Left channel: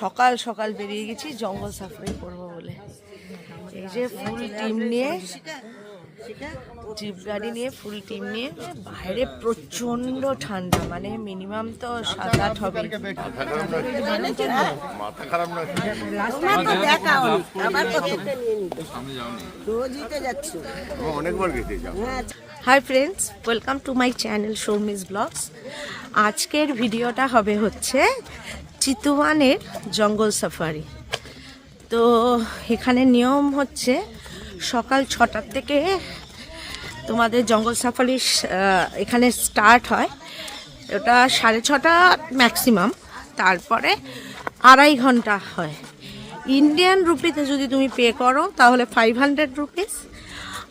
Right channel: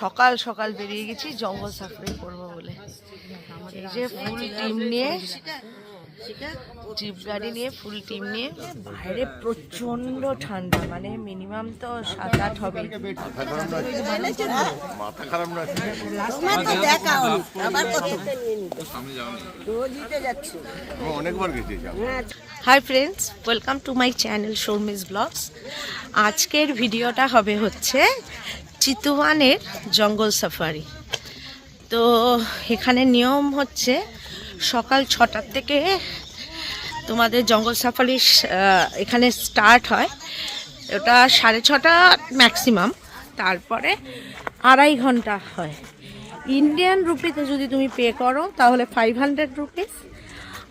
সকাল সকাল বেরিয়ে গেছি জঙ্গল সাফারি করব বলে। এই যে ফুল টিম নিয়ে জিপ গাড়ি নিয়ে ফুল টিম নিয়ে। বাইরে প্রচণ্ড ঠান্ডা মানে মিনিমাম তো সাত আট হবে। Hi friends welcome to my channel Sharmi's blogs আজকের ভিডিওটা হবে হচ্ছে চিতুয়ানের জঙ্গল সাফারি তো এখানে নিয়ম হচ্ছে সকাল ছটার থেকে তোমাদের জঙ্গল সাফারি এখানে স্টার্ট হয়। ওটা সাড়ে ছটা ম্যাক্সিমাম তারপরে আড়াই ঘণ্টা হয়। ইন্ডিয়ান রুপিতে যদি তুমি পে করো, তাহলে ফাইভ হান্ড্রেড রুপিস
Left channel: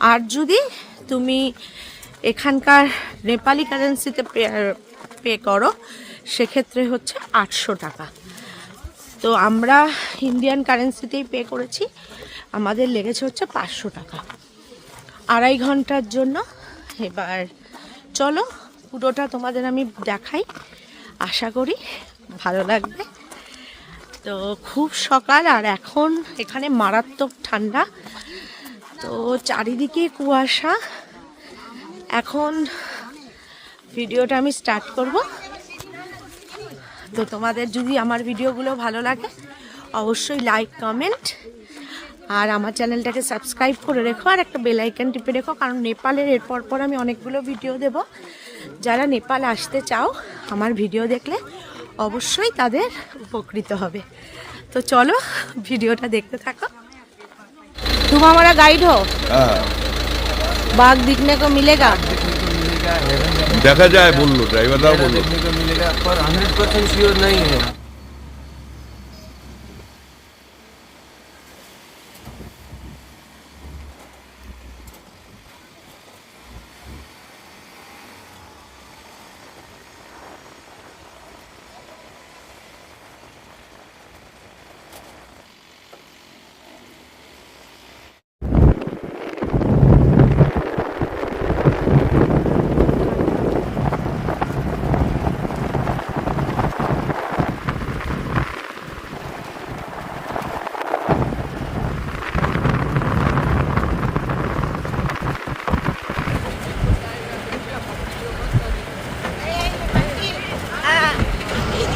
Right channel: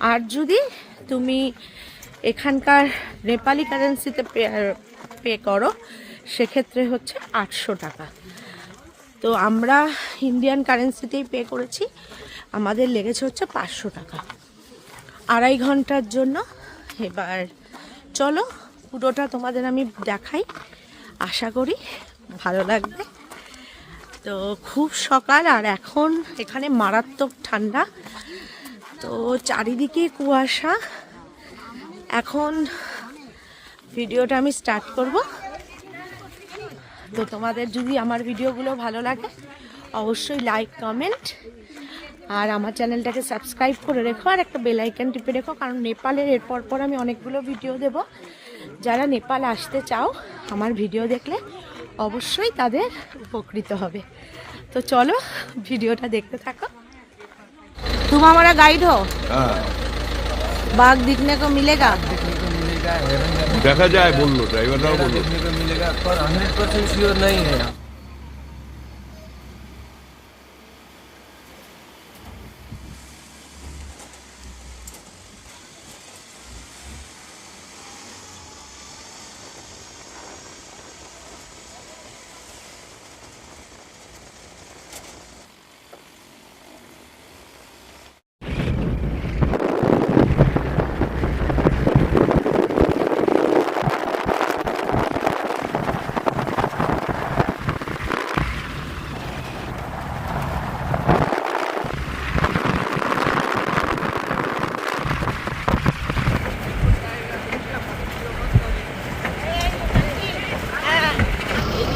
আর যদি তুমি এখানকার নেপালি কারেন্সিতে পে করো, সেক্ষেত্রে হচ্ছে আটশো টাকা। তো আমরা ইন্ডিয়ান কারেন্সিতেই পে করেছি। আমাদের লেগেছে হচ্ছে পাঁচশো টাকা। আড়াই ঘণ্টার জন্য। এবার চলো, পুরোটা তোমাদের আমি দেখাই। আশা করি ভালো লাগবে। তো খুব সকাল, আর এখন এখানে মারাত্মক ঠান্ডা। তো চারিদিকে কুয়াশা। এখন ভিডিওটা আমি স্টার্ট করব। তো তোমাদের যদি আমার ভিডিওগুলো ভালো লাগে, অবশ্যই লাইক, কমেন্ট আর আমার চ্যানেলটাকে সাবস্ক্রাইব করে রেখো আর একটা বেল আইকন টিপে রেখো কারণ নেপালের এরপর পর আমি অনেকগুলো ভিডিও দেব যারা নেপাল আসতে চাও আমার ভিডিও দেখলে অবশ্যই তাদের উপকৃত হবে তো চলো ভিডিওটা দেখতে থাকো तुम हमारा गाइड हो बाघ दिखने को मिलेगा দেখা যায় বললো ড্রাইভাররাও বললো देखने को मिलेगा पर हंड्रेड परसेंट श्योर नहीं है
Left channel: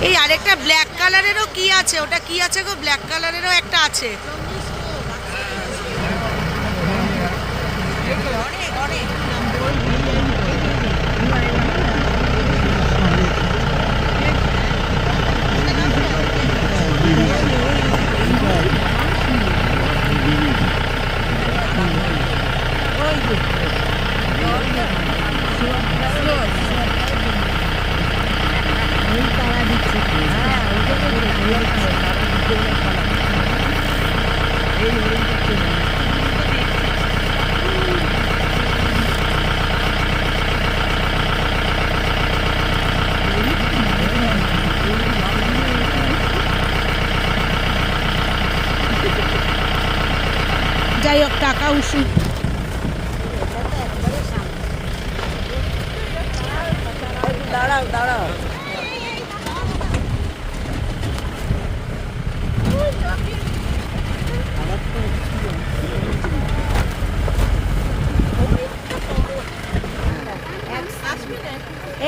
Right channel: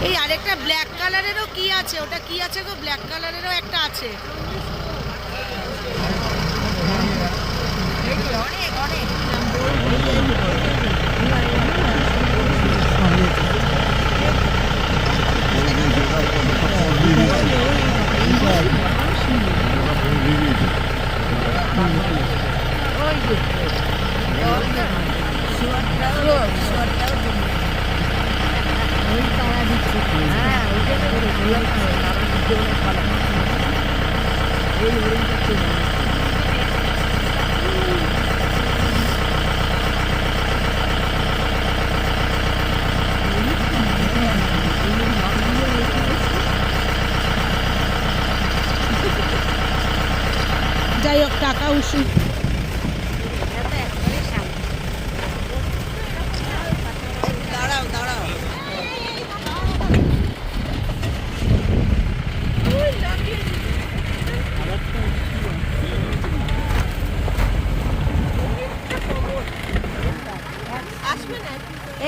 এই আরেকটা ব্ল্যাক কালারেরও কি আছে? ওটা কি আছে গো? ব্ল্যাক কালারেরও একটা আছে। যাই হোক টাকা উসুল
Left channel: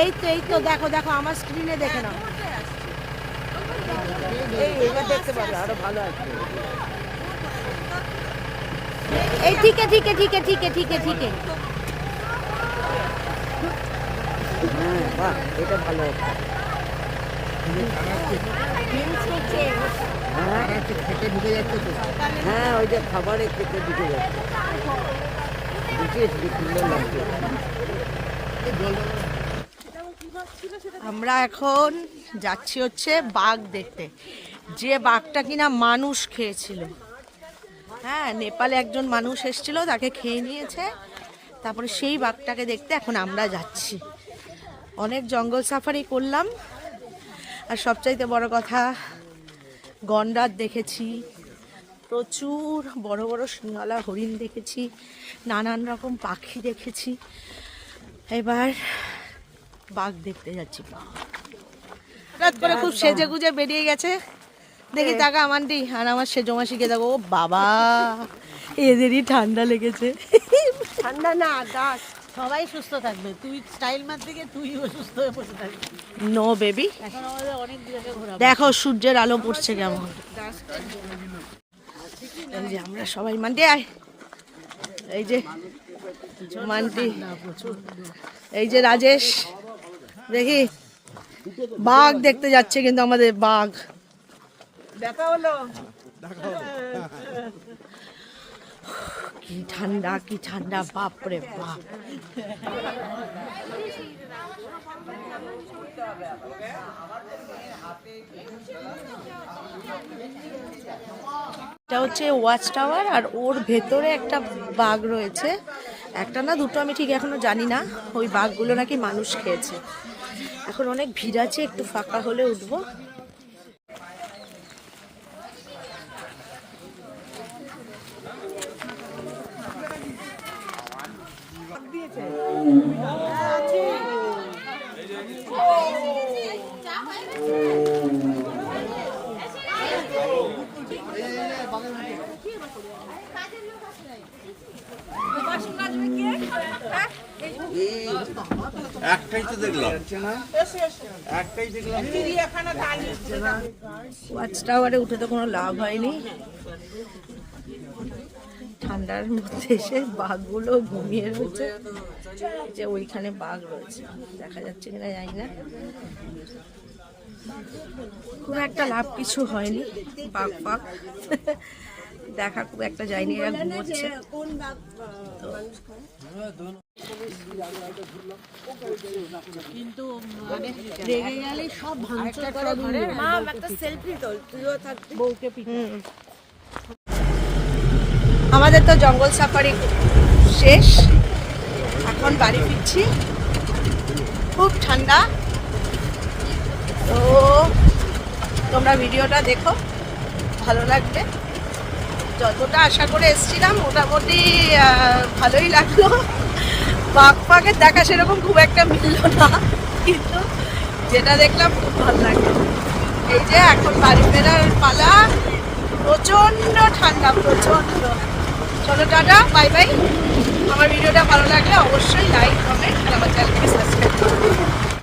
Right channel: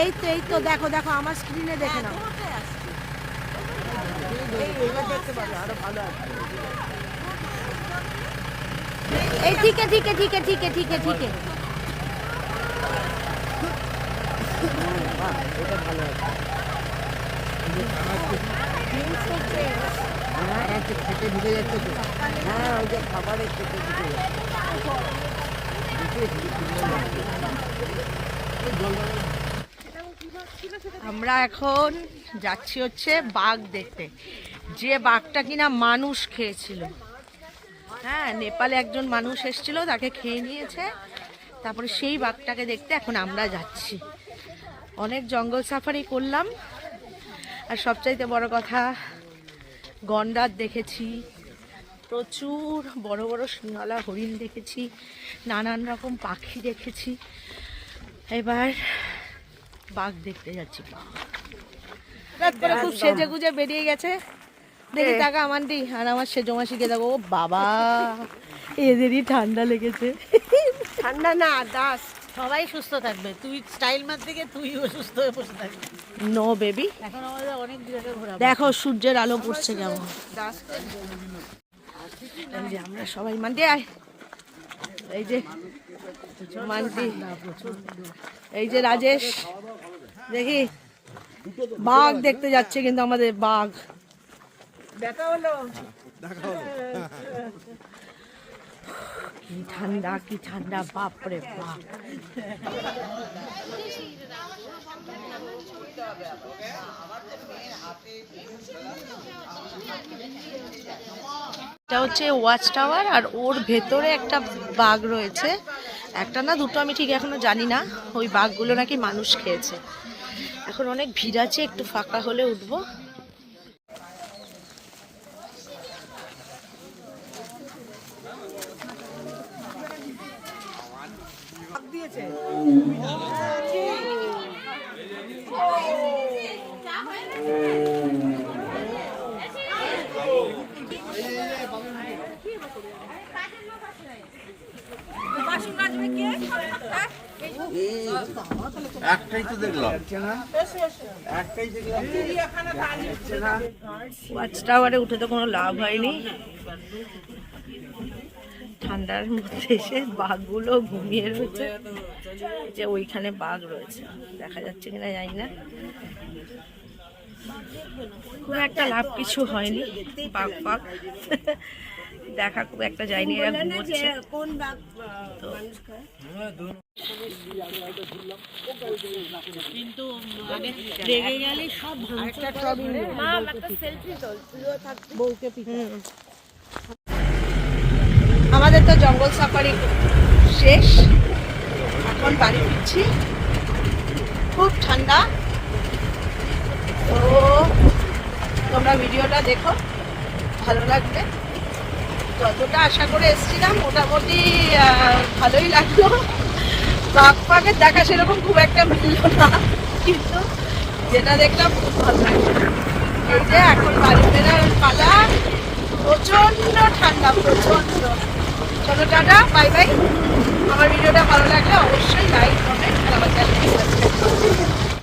এই তো এই তো, দেখো দেখো, আমার স্ক্রিনে দেখে নাও। এই ঠিক ঠিক ঠিক ঠিক ঠিক, ঠিকে। এটা ভালো খেটে ঢুকে যাচ্ছে তো। হ্যাঁ ওই জল আমরা এখন যাচ্ছি হচ্ছে বাঘ দেখতে। যে বাঘটা কিনা মানুষ খেয়েছিল। হ্যাঁ নেপালে একজন মানুষ এসেছিল, তাকে খেয়ে নিয়েছে। তারপরে সেই বাঘটাকে দেখতে এখন আমরা যাচ্ছি। অনেক জঙ্গল সাফারি করলাম। আর সবচাইতে বড় কথা গন্ডার দেখেছি। প্রচুর বড় বড় সিংহলা হরিণ দেখেছি। নানান রকম পাখি দেখেছি। এবার বাঘ দেখতে যাচ্ছি হঠাৎ করে খুব সেজে গুজে বেরিয়ে গেছে। দেখি টাকা আমান্টি আর আমার সেজো মাসিকে দেখো ও বাবা এদেরই ঠান্ডা লেগেছে। ঠান্ডা না দাস। সবাই সুস্থ থাকবে তুই স্টাইল মার দিকে তুই অসুস্থ হয়ে বসে থাকবি। নো বেবি দেখো সূর্যের আলো পড়ছে কেমন। আমরা সবাই মান্টি আয়। এই যে মান্টি এই যে রাজেশ। দেখি। বাঘ দেখতে যাচ্ছে কিন্তু আমাদের বাঘ। দেখা হলো। কি ঠান্ডা কি ঠান্ডা বাপরে বাপ। এটা হচ্ছে ওয়াচ টাওয়ার আর ওর ভেতরে একটা বাঘ রয়েছে। একটা না দুটো আমি ঠিক এখনও জানি না। ওই বাঘগুলো নাকি মানুষ খেয়েছে। এখন অনেক ভিড় আছে একটু ফাঁকা হলে উঠবো। একটাই তো দেখলাম। ওয়াচ টাওয়ারে উঠে তো কোনো লাভ হয়নি। ঠান্ডার মধ্যে এসে বাঘগুলো ঘুমিয়ে রয়েছে। যে ওইখানে বাঘ রয়েছে। দেখা যাচ্ছে কিনা জানি না। খুব একটা লাভ কিছু হয়নি। বাঘ বাঘ দেখা খুব একটা যায়নি, এরা ঘুমোচ্ছে। তো কিন্তু মানে রেগে গেলে সব ভাঙচুর করে সেলফি তো তুইও থাকবি। বউকে। আমাদের তো জঙ্গল সাফারি শেষ। এখন বাড়ি ফিরছি। খুব ঠান্ডা। তো তোমরা ভিডিওটা দেখো। ভালো লাগবে। যতটা আশা করে এসেছিলাম মোটামুটি ভালোই লাগল। বাঘ বাঘপাখের দেখা সেরকম খুব একটা মিলল না, কিন্তু যেটা দেখলাম খুব ভালো লাগে। এই যে এখন বাড়ি ফেরার পালা, প্রচণ্ড ঠান্ডা, প্রচণ্ড। চলো টাটা, বাই বাই। আমার ভিডিওটা ভালো লাগলে অবশ্যই লাইক কমেন্ট আমার চ্যানেলকে সাবস্ক্রাইব করুন